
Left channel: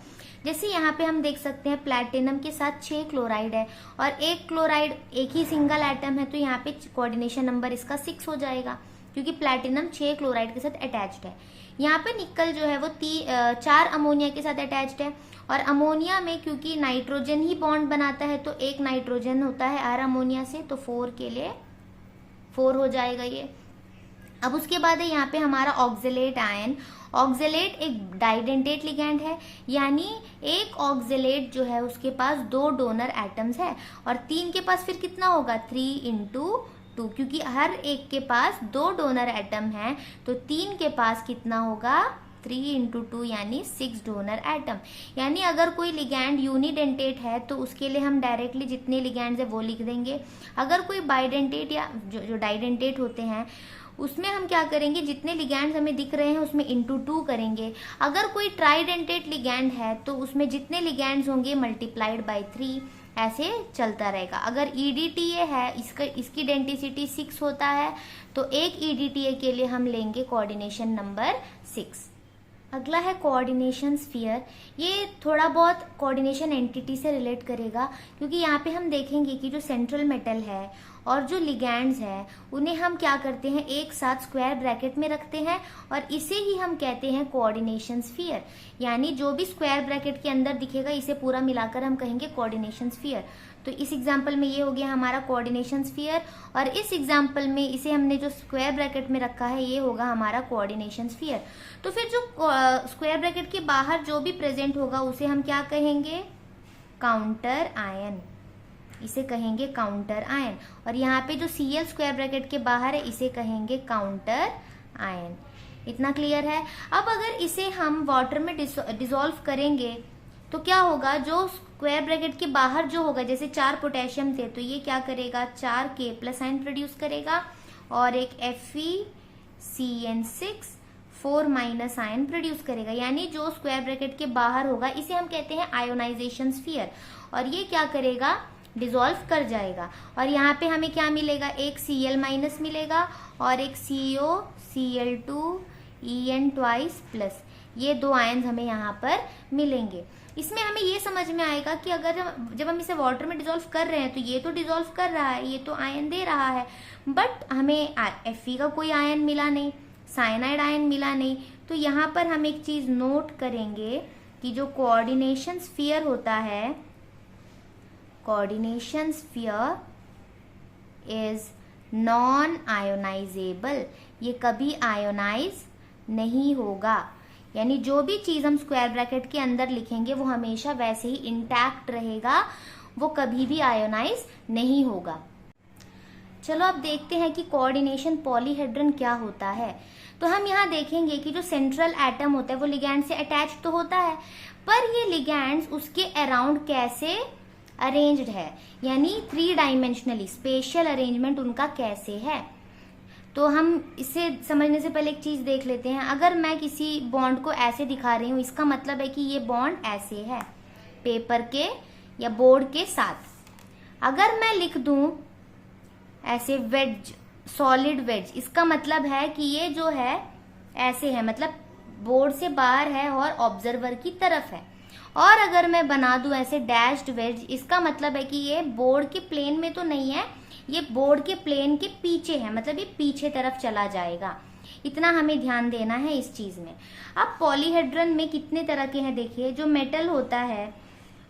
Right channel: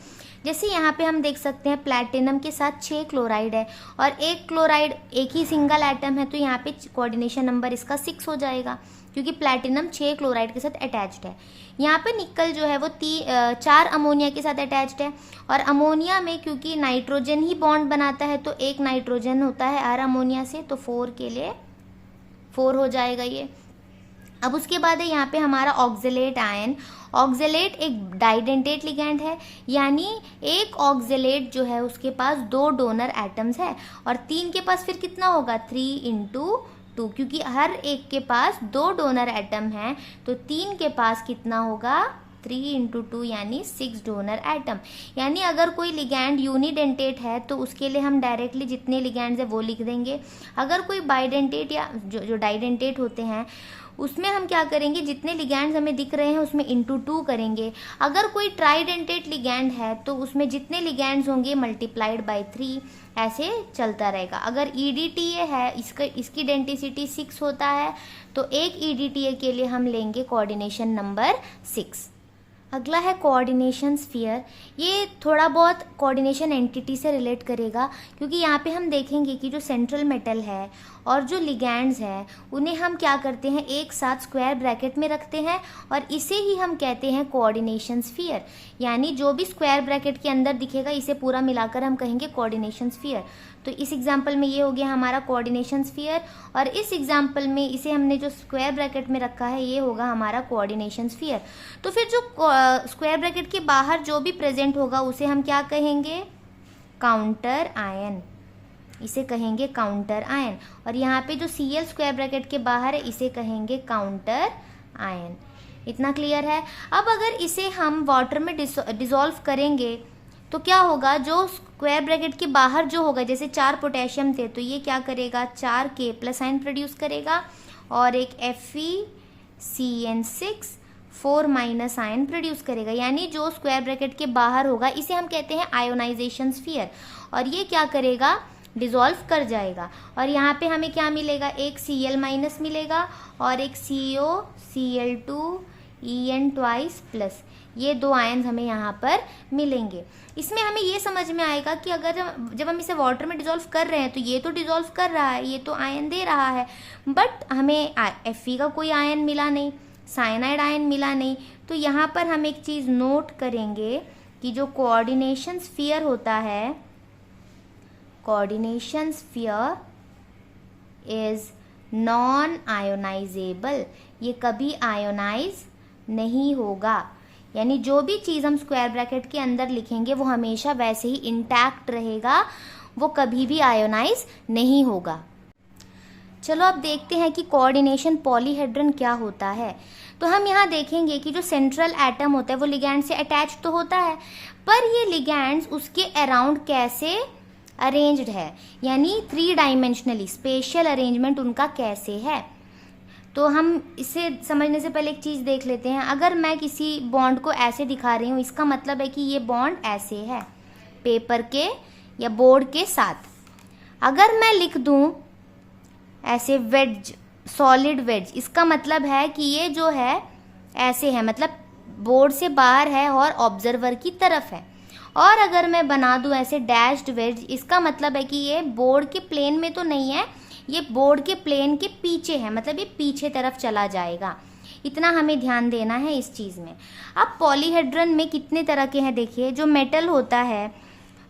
जैसे यहाँ पे हम देख सकते हैं प्लैटिनम के साथ 6 क्लोराइड है और एक क्लोराइड एक ही सिंगल एटम है, तो यहाँ पे कोऑर्डिनेशन नंबर इसका 6 हो जाएगा, क्योंकि प्लैटिनम 6 क्लोराइड के साथ अटैच्ड है। यहाँ पे निकल जो है वो 4 अमोनिया के साथ अटैच्ड है, और अमोनिया में क्योंकि नाइट्रोजन ही बॉन्ड बनाता है तो एक नाइट्रोजन होता है हर अमोनिया से, तो 4 के लिए 4 हो जाएगा ये। अब उसके बाद है यहाँ पे हमारा ऑक्जेलेट आयन। ऑक्जेलेट एक डाइडेंटेट लिगैंड है, यानी एक ऑक्जेलेट जो है उसके पास 2 डोनर एटम्स है, और 3 के पास फिर कितना होगा, 3 × 2, क्योंकि हर एक के पास 2 डोनर एटम है, तो 3 के पास कितना होगा, 3 × 2 यानी 6 डोनर एटम। यानी अगर कोई लिगैंड यूनिडेंटेट है तो उसके लिए हम डायरेक्टली जितने लिगैंड्स है वो लिख देंगे। अगर कोई बाइडेंटेट या जो डाइडेंटेट होते हैं उसमें हम क्या करेंगे, जितने लिगैंड्स हमें दिख रहे हैं उसमें × 2 करेंगे। अगर कोई ट्राइडेंटेट लिगैंड है तो उसमें जितने लिगैंड्स होंगे मल्टीप्लाइड बाय 3, ऐसे चलता रहेगा। अगर EDTA है, इसकी डेंसिटी 6 होता है, तो एक EDTA के लिए हम लेंगे कोऑर्डिनेशन नंबर 6। अगला है कोऑर्डिनेशन स्फीयर। ये थोड़ा बहुत कोऑर्डिनेशन एंटिटी से रिलेट करेगा, क्योंकि यहाँ पे हम देखेंगे कि जो सेंट्रल मेटल है और जो लिगैंड्स है उन्हें हम क्या करते हैं, एक साथ स्क्वायर ब्रैकेट में रखते हैं, और इसे ही हम कहते हैं कोऑर्डिनेशन स्फीयर। यानी जो भी स्क्वायर ब्रैकेट के अंदर दिखेगा इसे पूरा मिलाकर हम कहेंगे कोऑर्डिनेशन स्फीयर। तो इस एग्जाम्पल में ये हो गया हमारा कोऑर्डिनेशन स्फीयर, और इस एग्जाम्पल में इसे हमने जो स्क्वायर ब्रैकेट में रखा है ये होगा हमारा कोऑर्डिनेशन स्फीयर। तो फिर जो स्क्वायर ब्रैकेट के बाहर जो भी प्रेजेंट होगा उसे हम क्या कहेंगे, काउंटर आयन, इसे कहेंगे काउंटर आयन। और यहाँ पे जो Cl स्क्वायर ब्रैकेट के बाहर है इसे कहेंगे काउंटर आयन। इतना क्लियर है। अब अगर इसे हम वाटर में डिसॉल्व करेंगे तो क्या होगा, जो स्क्वायर ब्रैकेट के बाहर जो होगा, जैसे 4 पोटेशियम थे तो ये क्या करेगा, 4 K+ आयन प्रोड्यूस करेगा, और एक FeCN6 4- आयन प्रोड्यूस करेगा। यानी जो स्क्वायर ब्रैकेट के बाहर होगा इसे हम कहते हैं आयोनाइजेशन स्फीयर, और ये क्या करेगा, डिसॉल्व कर जाएगा। और यहाँ पे हमें क्या मिलेगा, एक Cl- मिलेगा और एक COCl2En2+, ये 2 आयन हमें यहाँ पर मिलेंगे। इसमें हमें ये समझ में आएगा कि अगर जब हम इसे वाटर में डिसॉल्व कर रहे हैं तो ये तो डिसॉल्व कर रहा है, ये तो आयन दे रहा है, बट हमें Fe का कोई आयन मिला नहीं, साइनाइड आयन मिला नहीं। तो यहाँ पर हम एक चीज़ नोट करेंगे कि जो कोऑर्डिनेशन स्फीयर होता है, coordination sphere is non ionisable, ये कभी आयोनाइज नहीं होगा। यानी जो भी चीज़ हम स्क्वायर ब्रैकेट के अंदर लिखेंगे वो हमेशा वैसे ही इंटैक्ट रहेगा, वो कभी भी आयोनाइज नहीं होगा। चलो अब देखते हैं कि कोऑर्डिनेशन पॉलीहेड्रन क्या होता है। तो हम यहाँ देखेंगे कि जो सेंट्रल एटम होता है वो लिगैंड से अटैच तो होता है, पर ये लिगैंड्स उसके अराउंड कैसे अरेंज्ड है, यानी 3 डायमेंशनली स्पेशियल अरेंजमेंट उनका कैसे है। तो हम इसे समझने से पहले एक चीज़ देख लेते हैं। अगर मैं किसी बॉन्ड को ऐसे दिखा रही हूँ, इसका मतलब है कि ये बॉन्ड ऐसे है पेपर के या बोर्ड के साथ। अगर मैं लिख दूँ ऐसे वेज, सॉलिड वेज, इसका मतलब है कि ये जो है ऐसे है, मतलब बोर्ड से बाहर है और ऑब्जर्वर की तरफ है। और अगर मैं बना दूं ऐसे डैश्ड वेज, इसका मतलब है कि ये बोर्ड के प्लेन में तो नहीं है, ये बोर्ड के प्लेन के पीछे है, मतलब ये पीछे तरफ चला जाएगा। इतना हमें ध्यान देना है इस चीज में। अब पॉलीहेड्रन में कितने तरह के हैं देखिए। जो मेटल होता है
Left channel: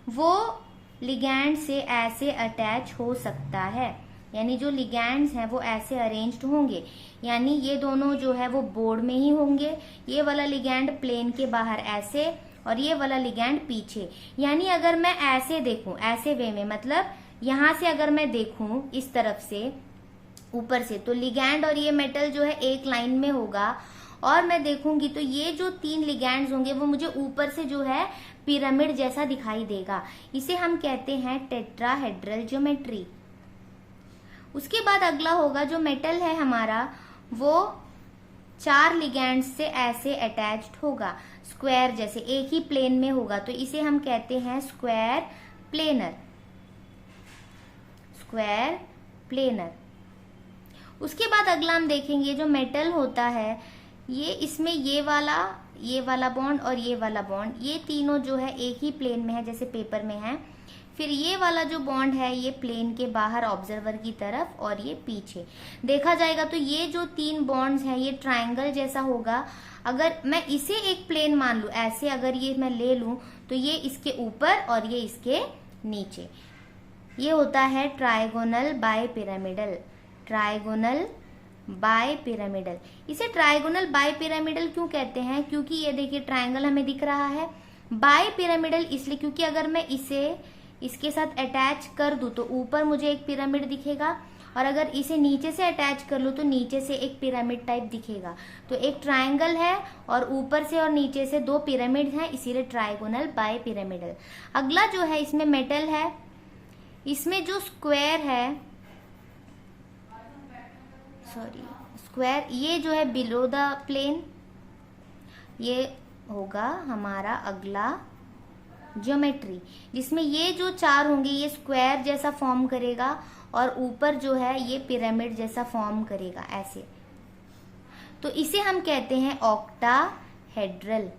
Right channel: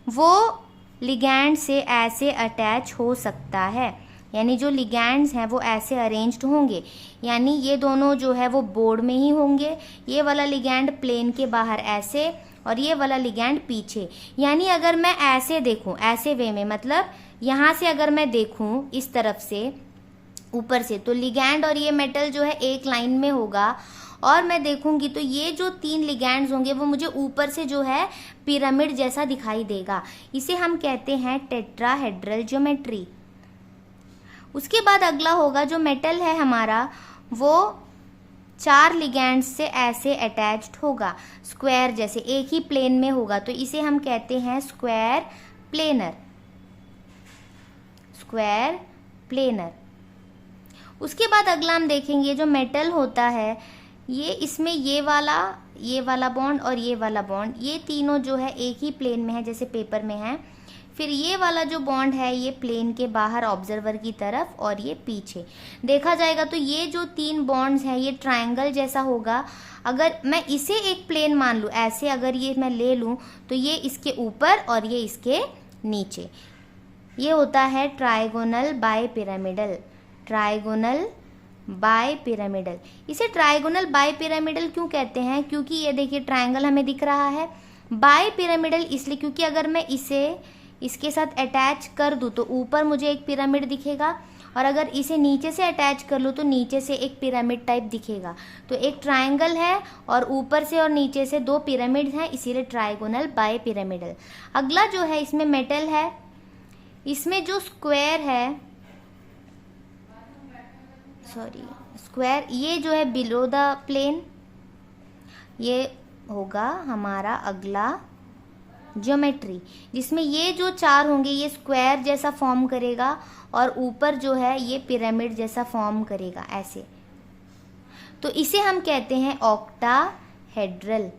वो लिगैंड से ऐसे अटैच हो सकता है, यानी जो लिगैंड्स हैं वो ऐसे अरेंज्ड होंगे, यानी ये दोनों जो है वो बोर्ड में ही होंगे। ये वाला लिगैंड प्लेन के बाहर ऐसे और ये वाला लिगैंड पीछे। यानी अगर मैं ऐसे देखूं, ऐसे वे में, मतलब यहां से अगर मैं देखूं इस तरफ से ऊपर से, तो लिगैंड और ये मेटल जो है एक लाइन में होगा। और मैं देखूंगी तो ये जो 3 लिगैंड्स होंगे वो मुझे ऊपर से जो है पिरामिड जैसा दिखाई देगा। इसे हम कहते हैं टेट्राहेड्रल ज्योमेट्री। उसके बाद अगला होगा जो मेटल है हमारा वो 4 लिगैंड्स से ऐसे अटैच्ड होगा, स्क्वायर जैसे एक ही प्लेन में होगा, तो इसे हम कहते हैं स्क्वायर प्लेनर। Square planar. उसके बाद अगला हम देखेंगे जो मेटल होता है ये, इसमें ये वाला बॉन्ड और ये वाला बॉन्ड, ये तीनों जो है एक ही प्लेन में है जैसे पेपर में है। फिर ये वाला जो बॉन्ड है ये प्लेन के बाहर ऑब्जर्वर की तरफ और ये पीछे देखा जाएगा। तो ये जो 3 बॉन्ड्स हैं ये ट्रायंगल जैसा होगा। अगर मैं इसे एक प्लेन मान लूं, ऐसे अगर ये मैं ले लूं तो ये इसके ऊपर और ये इसके नीचे, ये होता है trigonal bipyramidal. Trigonal bipyramidal. इसे ट्रायगोनल बाय पिरामिडल क्यों कहते हैं? क्योंकि ये देखिए ट्रायंगल हमें दिख रहा है। बाय पिरामिडल इसलिए क्योंकि अगर मैं इसे इसके साथ अटैच कर दूं तो ऊपर मुझे एक पिरामिड दिखेगा, और अगर इसे नीचे से अटैच कर लूं तो नीचे से एक पिरामिड टाइप दिखेगा। तो एक ट्रायंगल है और ऊपर से और नीचे से 2 पिरामिड हैं, इसीलिए ट्रायगोनल बाय पिरामिडल। अगला जो है इसमें मेटल है, इसमें जो स्क्वायर है, स्क्वायर ये जो है बिलो द प्लेन, ये होगा हमारा अगला ज्योमेट्री, जिसमें ये जो 4 होंगे ये स्क्वायर जैसा फॉर्म करेगा और ऊपर जो है ये पिरामिड जैसा फॉर्म करेगा ऐसे। तो इसे हम कहते हैं ऑक्टाहेड्रल।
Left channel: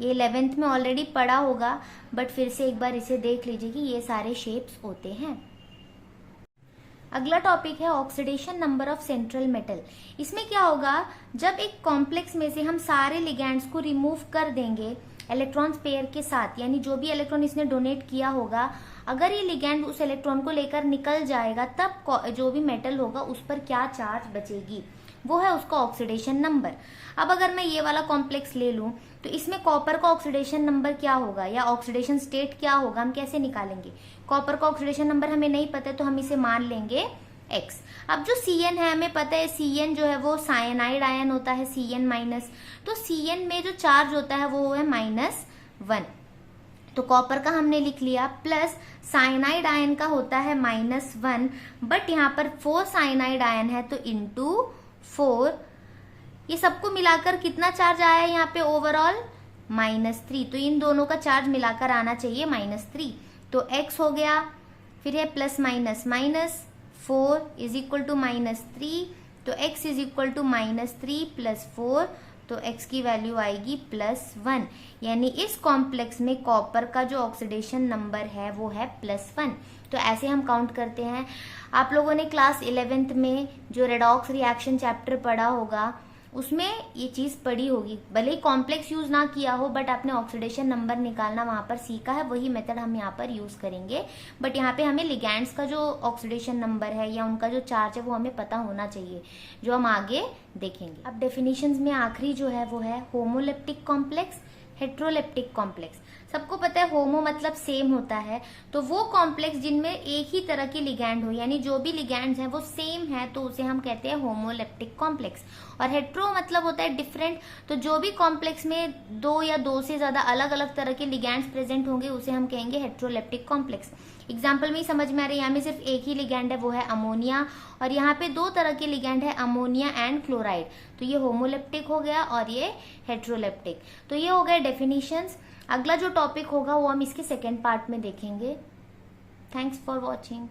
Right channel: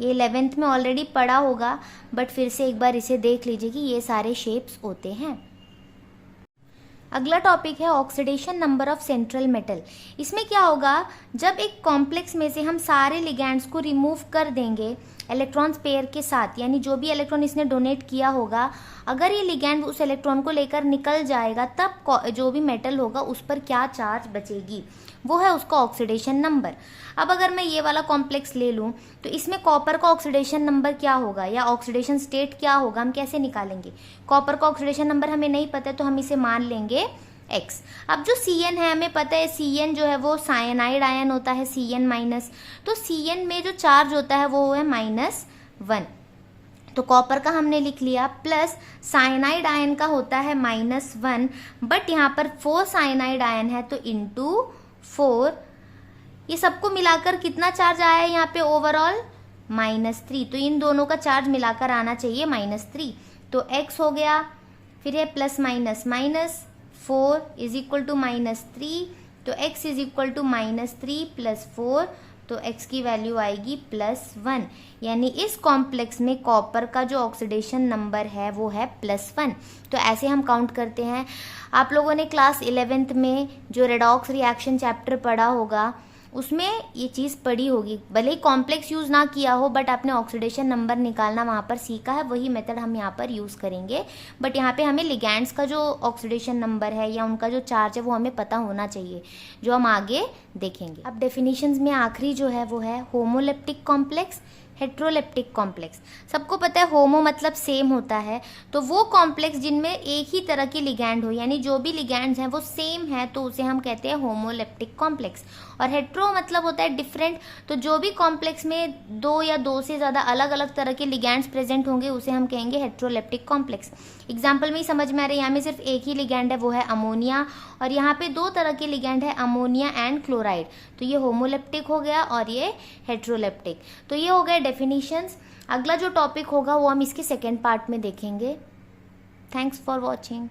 ये 11th में ऑलरेडी पढ़ा होगा, बट फिर से एक बार इसे देख लीजिए कि ये सारे शेप्स होते हैं। अगला टॉपिक है oxidation number of central metal. इसमें क्या होगा, जब एक कॉम्प्लेक्स में से हम सारे लिगैंड्स को रिमूव कर देंगे इलेक्ट्रॉन्स पेयर के साथ, यानी जो भी इलेक्ट्रॉन इसने डोनेट किया होगा, अगर ये लिगैंड उस इलेक्ट्रॉन को लेकर निकल जाएगा तब जो भी मेटल होगा उस पर क्या चार्ज बचेगी, वो है उसका ऑक्सीडेशन नंबर। अब अगर मैं ये वाला कॉम्प्लेक्स ले लूं तो इसमें कॉपर का ऑक्सीडेशन नंबर क्या होगा या ऑक्सीडेशन स्टेट क्या होगा, हम कैसे निकालेंगे? कॉपर का ऑक्सीडेशन नंबर हमें नहीं पता तो हम इसे मान लेंगे X। अब जो Cn है हमें पता है Cn जो है वो साइनाइड आयन होता है, Cn माइनस, तो Cn में जो चार्ज होता है वो है -1। तो कॉपर का हमने लिख लिया, प्लस साइनाइड आयन का होता है -1, बट यहाँ पर 4 साइनाइड आयन है तो इंटू 4, ये सबको मिलाकर कितना चार्ज आया है यहाँ पे ओवरऑल -3। तो इन दोनों का चार्ज मिलाकर आना चाहिए -3। तो X हो गया, फिर है plus minus minus 4 is equal to -3, तो X is equal to -3 plus 4, तो X की वैल्यू आएगी +1। यानी इस कॉम्प्लेक्स में कॉपर का जो ऑक्सीडेशन नंबर है वो है +1। तो ऐसे हम काउंट करते हैं। आप लोगों ने क्लास 11th में जो रेडॉक्स रिएक्शन चैप्टर पढ़ा होगा उसमें ये चीज़ पढ़ी होगी, भले ही कॉम्प्लेक्स यूज़ ना किया हो बट आपने ऑक्सीडेशन नंबर निकालना वहाँ पर सीखा है, वही मेथड हम यहाँ पर यूज़ करेंगे। बट यहाँ पे हमें लिगैंड्स का जो ऑक्सीडेशन नंबर है या उनका जो चार्ज है वो हमें पता होना चाहिए, जो हम आगे देखेंगे। अब डेफिनेशंस में आखिरी जो है वो है होमोलेप्टिक कॉम्प्लेक्स, हेट्रोलेप्टिक कॉम्प्लेक्स। सबको पता है होमो मतलब सेम होता है, तो वो कॉम्प्लेक्स जिनमें एक ही तरह के लिगैंड हो, यानी जो भी लिगैंड्स हैं वो सेम है, तो उसे हम कहते हैं होमोलेप्टिक कॉम्प्लेक्स। और हेट्रो मतलब होता है डिफरेंट, तो जो भी कॉम्प्लेक्स में 2 या 2 से ज़्यादा अलग अलग तरह के लिगैंड्स प्रेजेंट होंगे उसे हम कहेंगे हेट्रोलेप्टिक कॉम्प्लेक्स। एग्जाम्पल में ही समझ में आ रहा है, यहाँ में सिर्फ एक ही लिगैंड है वो है अमोनिया, और यहाँ पे 2 तरह के लिगैंड है अमोनिया एंड क्लोराइड, तो ये होमोलेप्टिक हो गया और ये हेट्रोलेप्टिक। तो ये हो गए डेफिनेशंस। अगला जो टॉपिक होगा वो हम इसके सेकेंड पार्ट में देखेंगे। Thanks for watching.